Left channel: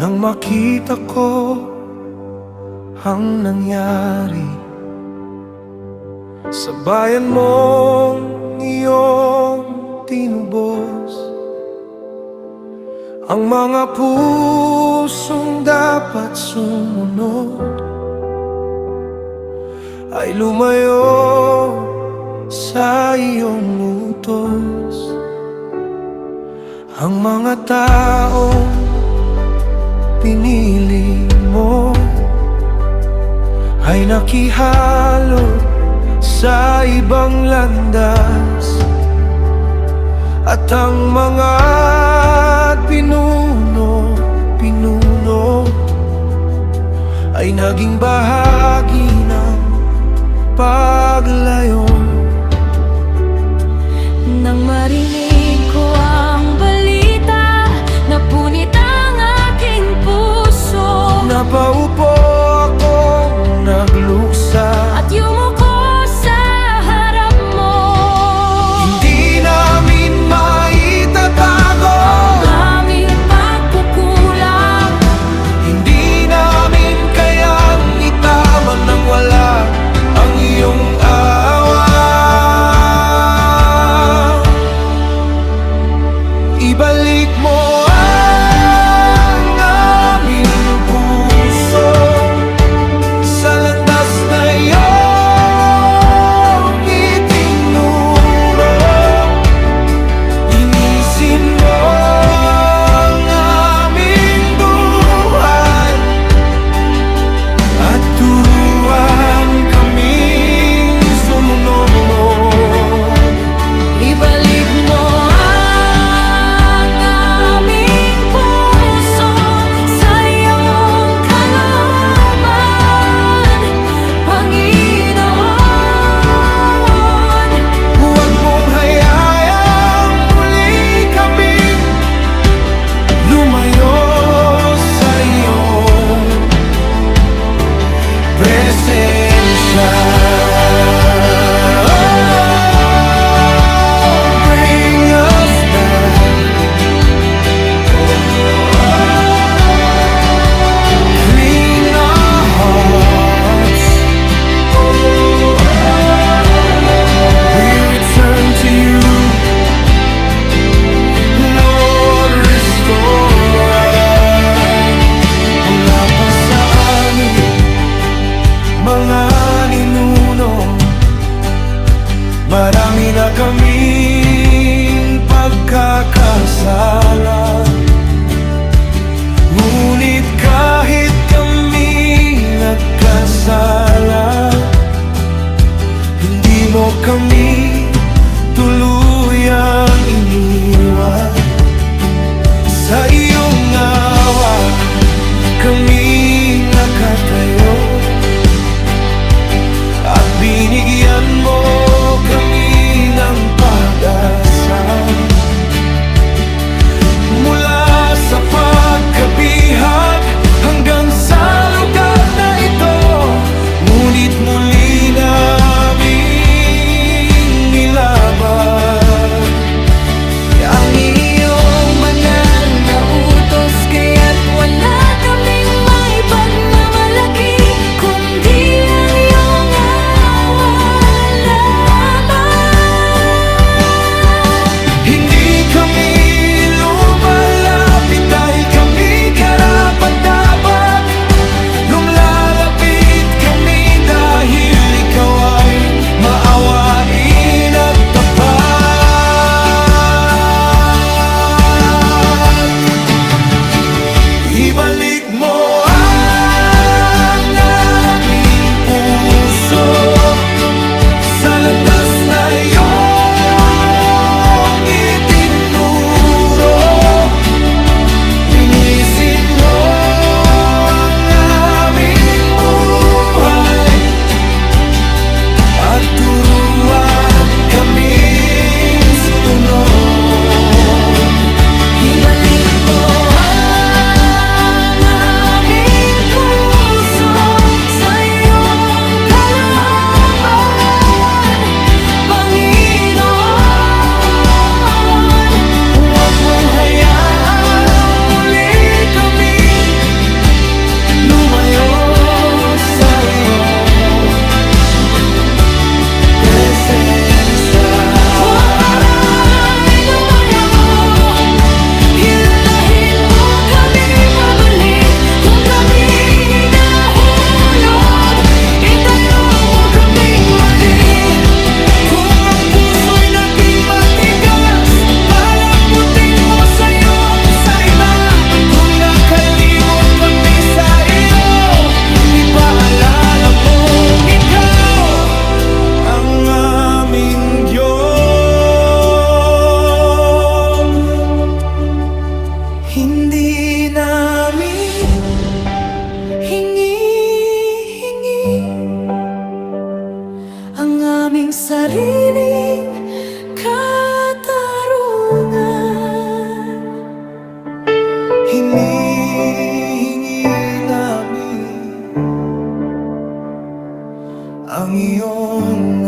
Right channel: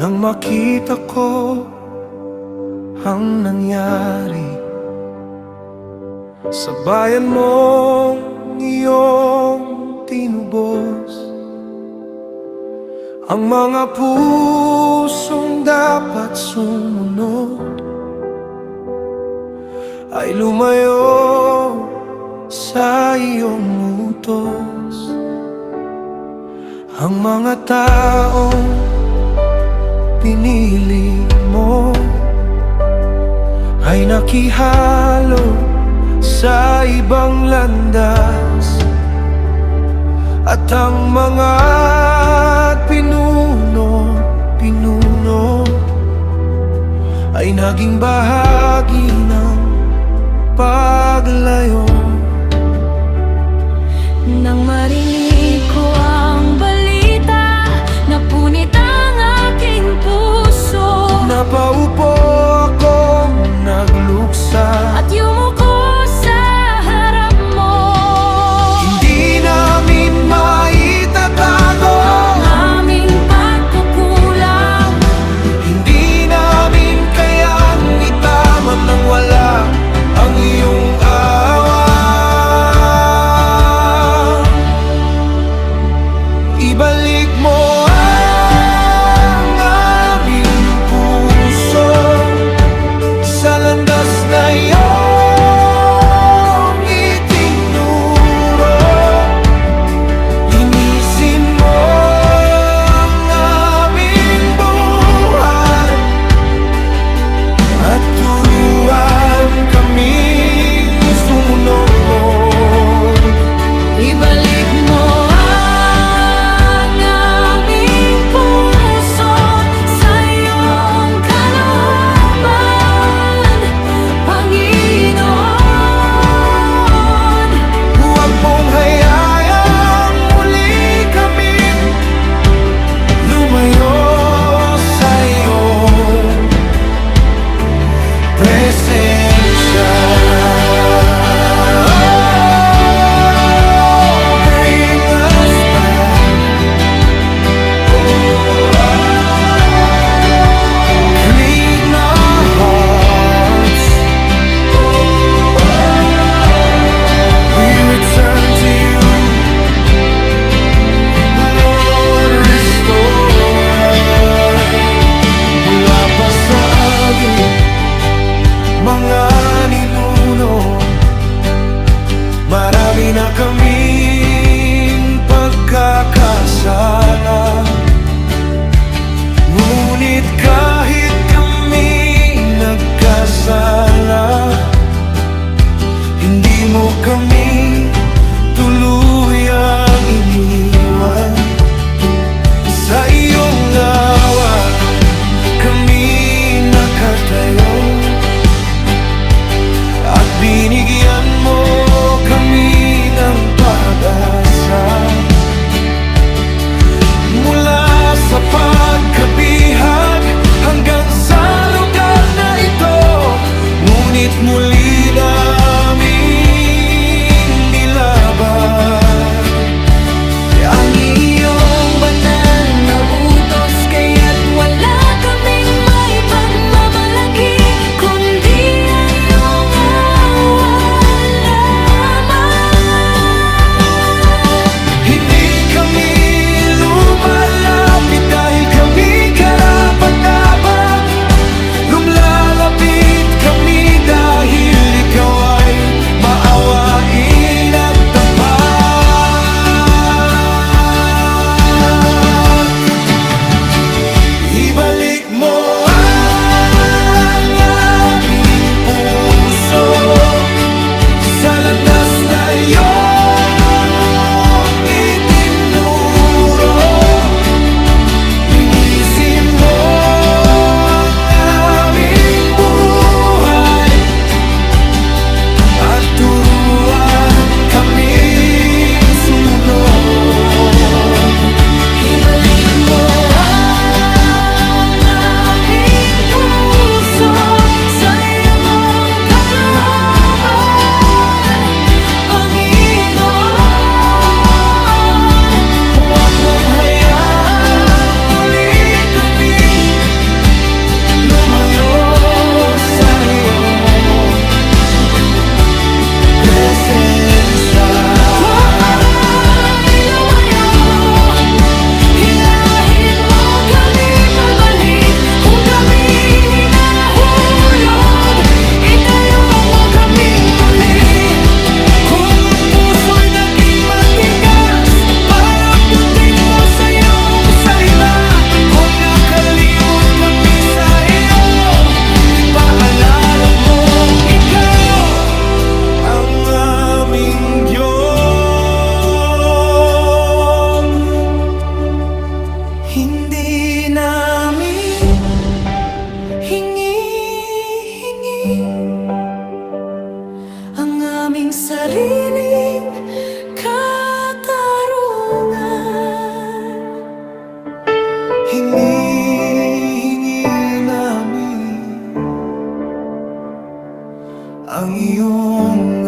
Nang makita ko ang nangyari sa bayan mong iyong tinubos, ang mga pusong dapat sumunod ay lumayo sa iyong utos. Ang mga taong pinili mo ay nakihalo sa ibang landas, at ang mga pinuno ay naging bahagi ng paglayo. Nang marinig ko ang balita, napunit ang aking puso. Napaupo akong nagluksa At yumuko sa harap mo. Hindi namin maitatago Ang aming pagkukulang. Hindi namin kayang itama nang wala ang iyong awa. Ibalik mo ang aming puso sa landas na iyong itinuro. Linisin mo ang aming buhay at turuan kaming sumunod. Ibalik mo ang aming puso sa iyong kalooban, Panginoon. Huwag mong hayaan muli kaming lumayo sa iyong presensya. Bring us back. Clean our hearts. We return to you, Lord, restore us. Mula pa sa amin mga ninuno, marami na kaming pagkakasala. Ngunit kahit kami nagkasala, hindi mo kami tuluyang iniwan. Sa iyong awa kami nakatayo, at binigyan mo kami ng pag-asa. Mula sa pagkabihag hanggang sa lugar na ito, ngunit muli namin nilaban Ang iyong banal na utos, kaya't wala kaming may pagmamalaki, kundi ang iyong awa lamang. Hindi kami lumalapit dahil kami karapat-dapat. Lumlalapit kami dahil ikaw ay maawain at tapat. Ibalik mo ang aming puso sa landas na iyong itinuro. Linisin mo ang aming buhay at turuan kaming sumunod. Ibalik mo ang hinihingi namin ang iyong